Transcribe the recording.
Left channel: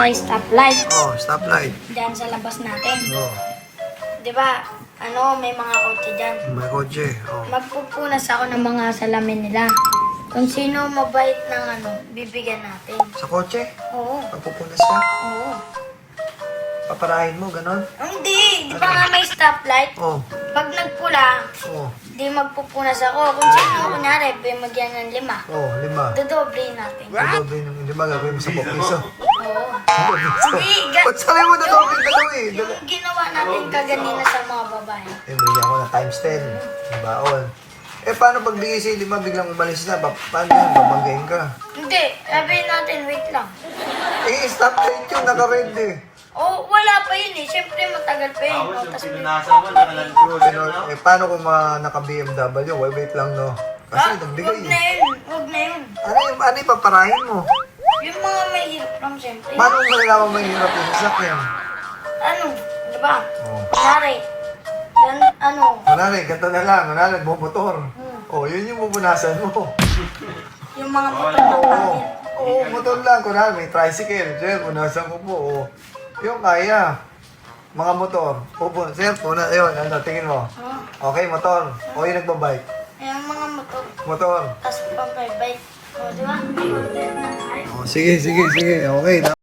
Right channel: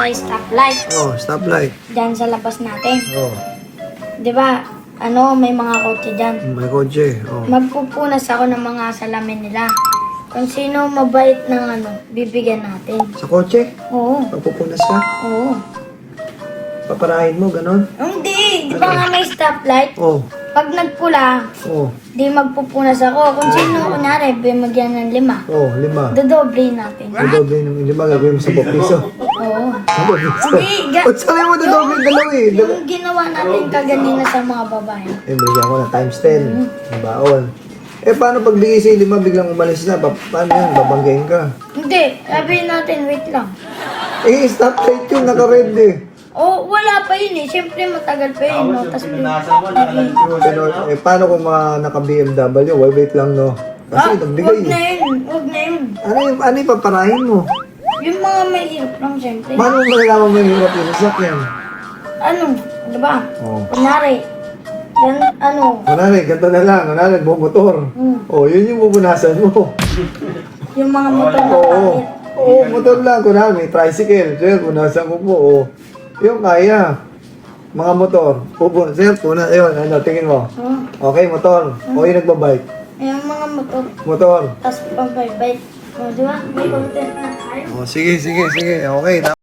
sa stoplight. Oh, stoplight. Diyan sa labas natin. Oh, Di ba, may mga kotse dyan. may kotse. Oh. Magpupunas ako ng mga salamin nila. Kung sino mabait ng bibigyan natin. Sa kotse? Oo. Papupunas ka? Oo. Paparahin mo, ganun? Hindi. Di ba nga may stoplight? Oh, Pag nagpula, oh, di magpupunas ako. Kung sino, kunwari, bimagyan ng 5. oh, 5. Dodoble natin. Dodoble ng 5, gagawin mo sa piso. Oo. Hindi. Ba't sabi mo dodoble dalawa eh? Yung ginawa natin kaganina sa mga babae. Eh, bigyan ko na times 10. Ang baon. Eh, paano pag bigay sa 5, biglang umalis na? Paano yan? Babanggayin ka. Hindi. Sabihin natin, wait lang. Eh, stoplight yun, naka-red eh. Oh, wala pa yun eh. Siyempre matagal pa yun. No? Tapos, Pero, eh, paano kung mga naka-BMW? Wait lang, no? Kasi nagbigay huwag na eh. yun. Huwag na yun. Ano yung paparahin mo? Yung mga may hirap lang, siyempre. Paano mo malalaman mahirap yung sakyan? Ano ba? Oh. Kunwari, Kunwari, ganito na lang. Kunwari, bumotor. Oh, yun yung pupunasan mo. yung mga motor na Oo. Oo, motor lang. Kunwari, may tricycle. So, yun, punasan mo po. Oh. Yung kaya. Mga motor. Sir, ayun, tingin mo. Okay, motor. O yung nagbabike. Yung mga motor. Motor. Tapos pag-bike. O, di ba? Oh, sige. Okay.